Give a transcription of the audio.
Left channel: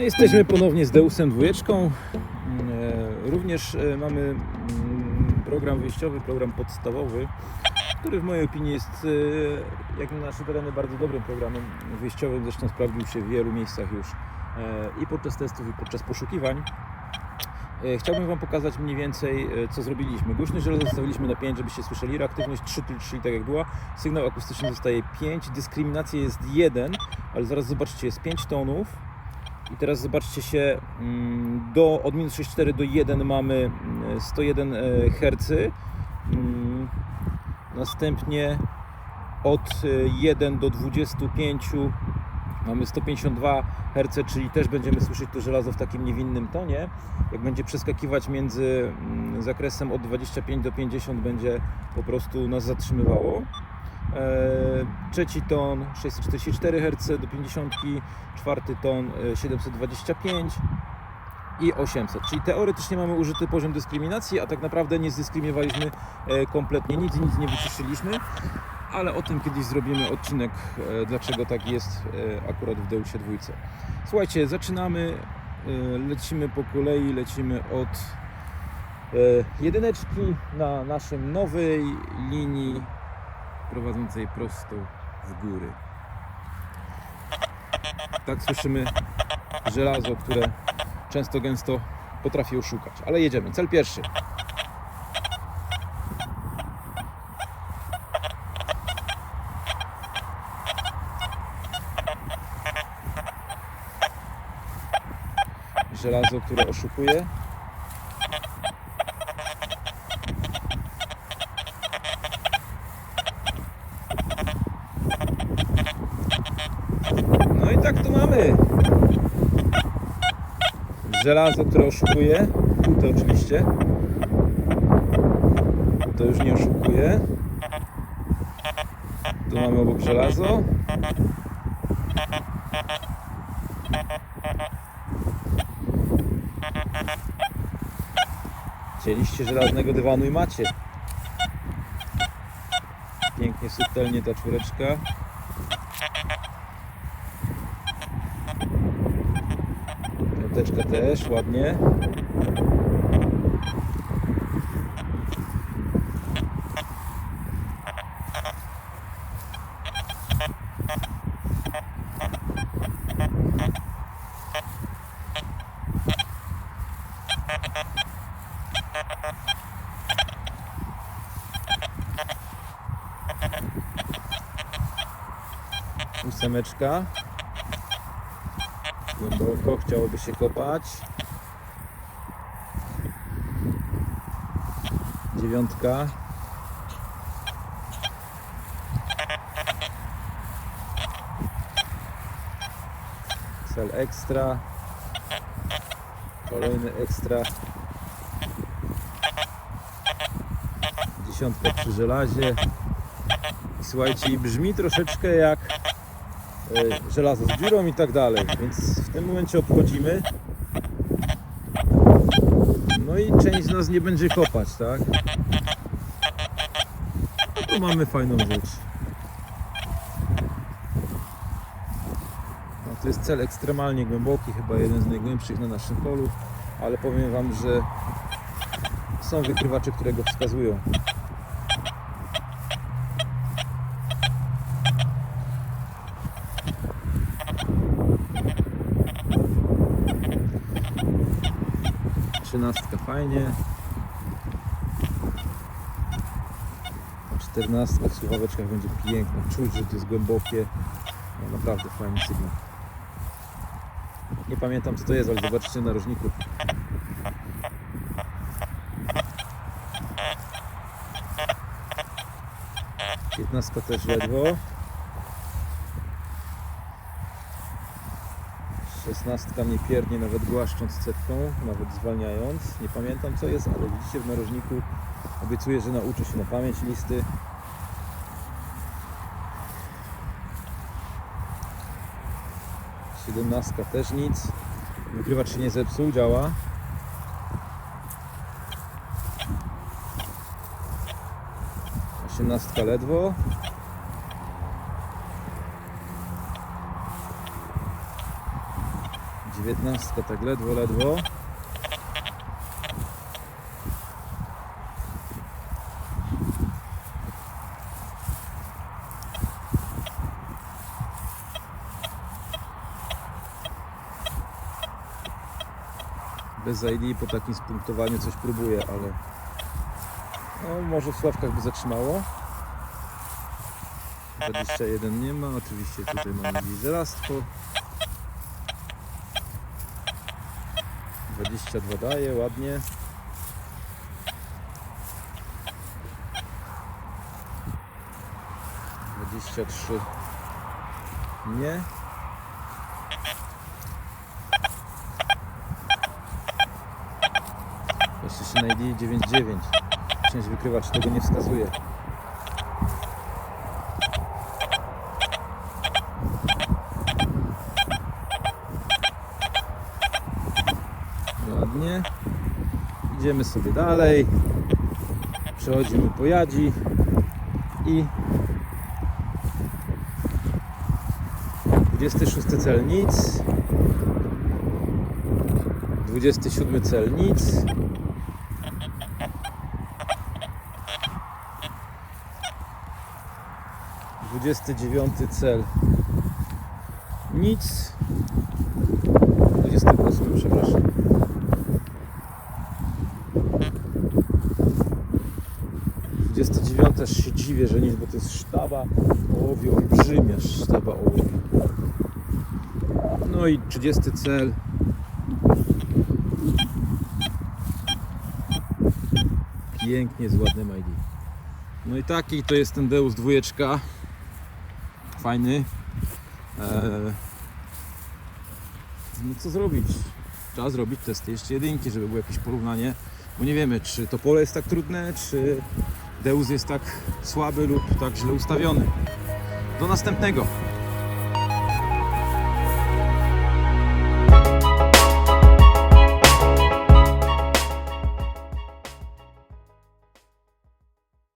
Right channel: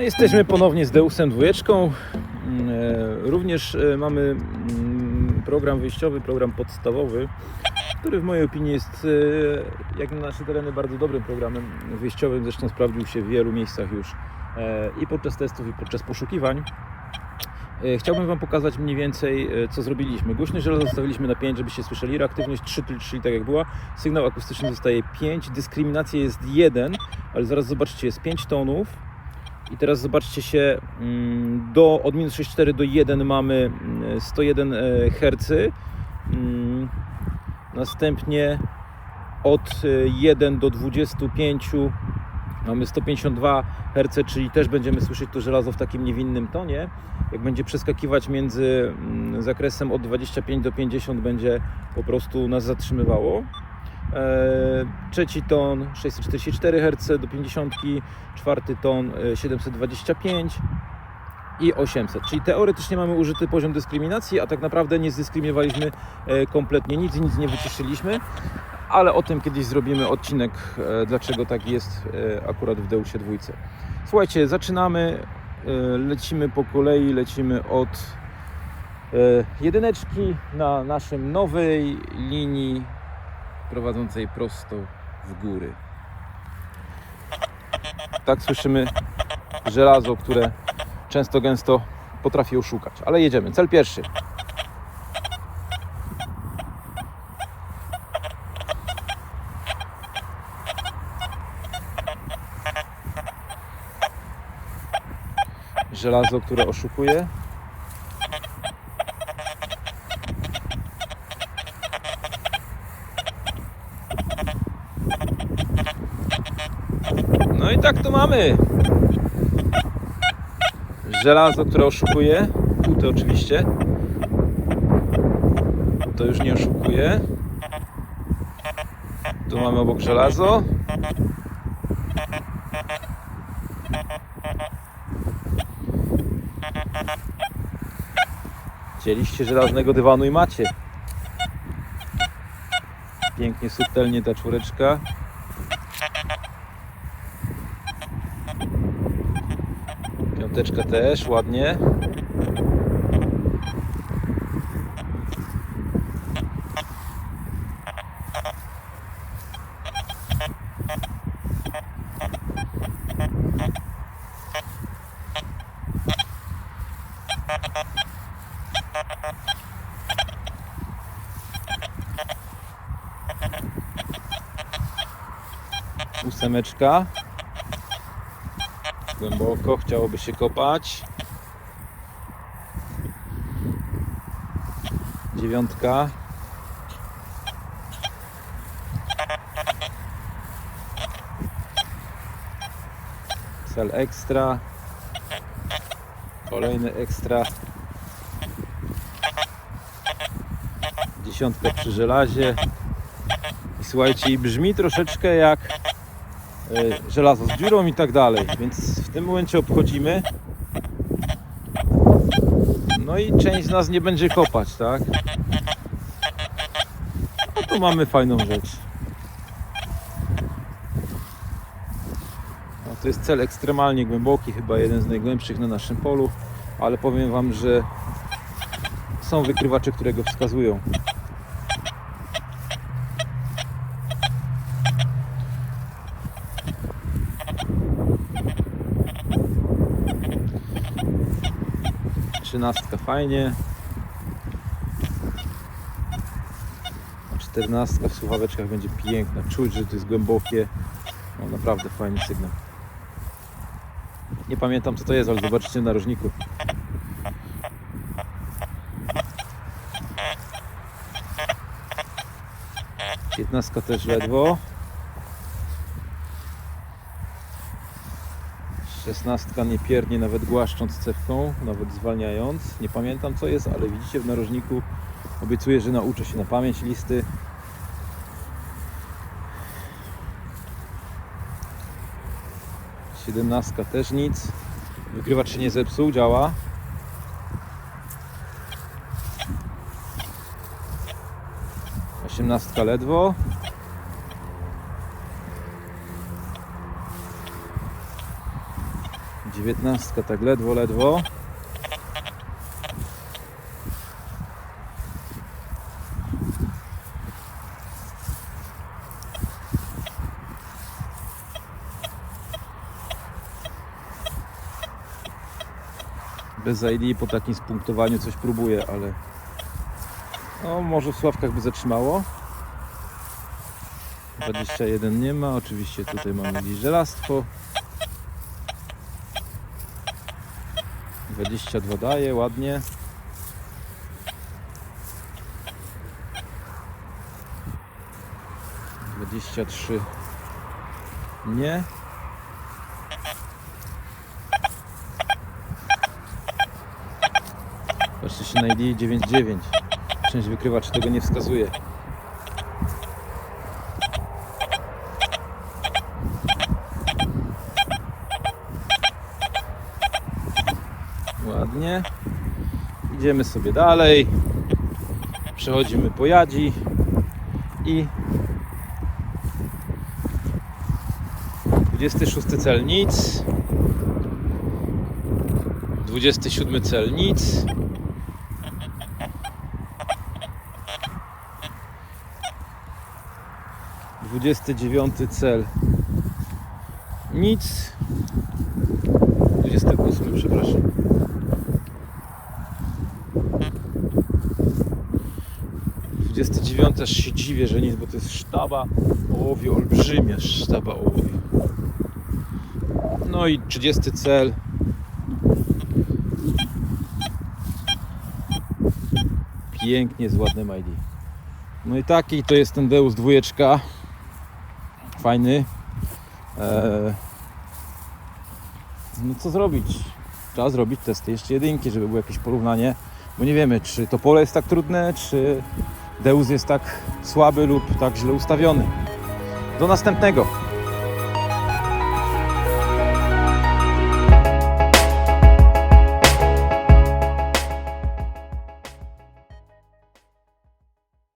No, jesteśmy ponownie z Deusem dwójeczką. Mm, e, Również e, mamy mm, program wyjściowy, program podstawowy, który w mojej opinii jest, e, jak na nasze tereny, bardzo dobrym programem wyjściowym. Zresztą sprawdził się w wielu miejscach już i podczas testów, i podczas poszukiwań. Chciałbym Wam pokazać mniej więcej, co zrobiliśmy. Głośność zostawiliśmy na 5, żebyście słyszeli. Reaktywność 3, czyli tak jak była. Sygnał akustyczny zostaje 5. Dyskryminacja jest 1, ale zaraz zobaczcie, jest 5 tonów. I teraz zobaczcie się, mm, do, od minus 6,4 do 1 mamy mm, 101 e, Hz. Mm, Następnie od e, 1 do 25 mamy 152 Hz, czyli też będziemy słyszeć to żelazo w takim niewinnym tonie. Jak będzie przeskakiwać między mm, zakresem od 25 do 50 będzie po prostu nas zatrzymywało. E, Trzeci ton 644 Hz do 50, czwarty ton e, 725 i 800. Czyli teoretycznie mamy użyty poziom dyskryminacji, a tak naprawdę nie zdyskryminowaliśmy e, kompletnie nic, nic nie wyciszyliśmy. Ale o tym kiedyś zrobimy odcinek, e, dlaczego tak jest e, akurat w Deusie dwójce. Słuchajcie, zaczynamy, e, lecimy po kolei, lecimy od e, jedyneczki na naszej nowej linii prowadzącej prosto w góry. Tak słyszymy żelazo, które często gęsto potrafi oszukać. Ale jedziemy. Cel pierwszy. Żelazo, które oszukuje. No i tak to mamy. Żelazo, które oszukuje. Kute oczywiście. To już nie oszukuje. Tu mamy obok żelazo. Chcieliście żelaznego dywanu i macie. Pięknie, subtelnie ta czwóreczka. Piąteczka też, ładnie. Ósemeczka. Głęboko chciałoby się kopać. Dziewiątka. Fel ekstra. Kolejny ekstra. Dziesiątka przy żelazie. I słuchajcie, brzmi troszeczkę jak żelazo z dziurą i tak dalej, więc w tym momencie obchodzimy. No i część z nas nie będzie kopać, tak? No tu mamy fajną rzecz. No to jest cel ekstremalnie głęboki, chyba jeden z najgłębszych na naszym polu, ale powiem Wam, że są wykrywacze, które go wskazują. Trzynastka fajnie. Czternastka w słuchaweczkach będzie piękna. Czuć, że to jest głębokie. No naprawdę fajny sygnał. Nie pamiętam co to jest, ale zobaczycie na różniku. Piętnastka też ledwo. Szesnastka nie piernie nawet głaszcząc cewką, nawet zwalniając. Nie pamiętam co jest, ale widzicie w narożniku obiecuję, że nauczę się na pamięć listy. Siedemnastka też nic. Wykrywacz się nie zepsuł, działa. Osiemnastka ledwo. 19 tak ledwo, ledwo. Bez ID po takim spunktowaniu coś próbuję, ale no może w sławkach by zatrzymało. 21 nie ma, oczywiście tutaj mamy gdzieś żelastwo. 22 daje, ładnie. Dwadzieścia trzy nie. Patrzcie się na ID 99. Część wykrywacz tego nie wskazuje. Ładnie. Idziemy sobie dalej. Przechodzimy po jadzi i 26 cel nic. 27 cel nic. Dwudziesty dziewiąty cel nic. Dwudziesty ósmy, przepraszam. Dwudziesty dziewiąty aż się dziwię, że nic, bo to jest sztaba ołowiu, olbrzymia sztaba ołowiu. No i 30 cel. Pięknie z ładnym ID. No i taki to jest ten Deus dwójeczka. Fajny. Eee, no co zrobić? Trzeba zrobić testy jeszcze jedynki, żeby było jakieś porównanie. Bo nie wiemy, czy to pole jest tak trudne, czy Deus jest tak słaby lub tak źle ustawiony. Do następnego.